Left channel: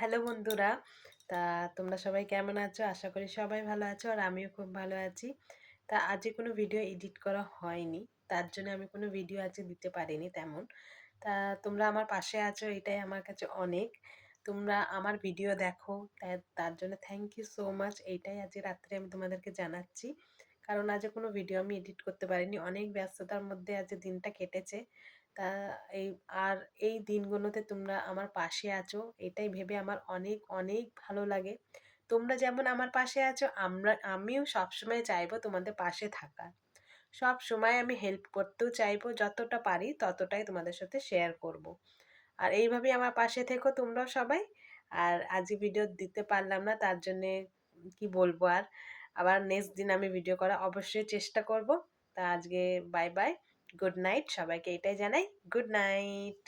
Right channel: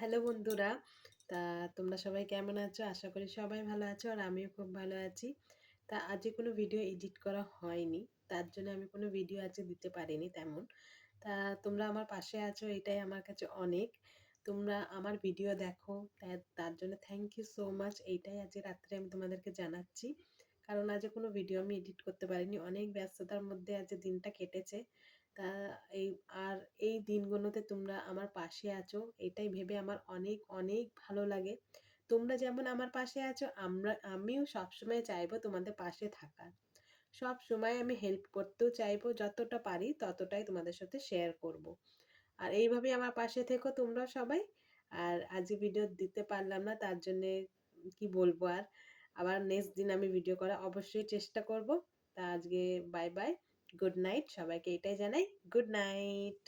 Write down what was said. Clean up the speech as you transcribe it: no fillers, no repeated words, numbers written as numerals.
Hello বন্ধুরা। তা তোমরা সবাই কেমন আছো? আশা করি সবাই ভালো আছো আর আমিও খুব ভালো আছি। আজকে কোনো ভিডিও এডিট করা হয়নি, তার জন্য আমি কোনো ভিডিও আজকে দিতে পারিনি তেমন। তা তোমরা আমার পাশে আছো, এটাই আমার কাছে অনেক। তোমরা আমার ভিডিও দেখো, তার জন্য থ্যাংক ইউ সো মাচ। এইটাই আজকে রাত্রে আমি তোমাদেরকে জানাচ্ছি, কারণ আজকে কোনো ভিডিও আমি এডিট করতে পারিনি, অনেক ব্যস্ততার মধ্যে আজকে দিনটা কেটেছে। তা এই আর এই দিনগুলোতে তোমরা আমার পাশে আছো, এটাই ভেবে আমার অনেক অনেক ভালো লাগে। তোমরা যেমন আমার পাশে আছো, আমিও সবসময় চাইবো তোমাদের পাশে থাকার। সব সময় আমি হেল্প করতেও চাইবো, যতটা পারি ততটাই তোমাদের সাথে শেয়ার করব। আর এইভাবেই আমার পাশে থেকো তোমরাও সবাই। আর আজকে ভিডিও দিতে পারলাম না, তার জন্যে কি বলবো আর। আবার নেক্সট দিন আমি ভিডিও করা অবশ্যই চেষ্টা করব। আজকে বাই বাই, গুড নাইট, সবাইকে এটাই জানাই, গুড নাইট।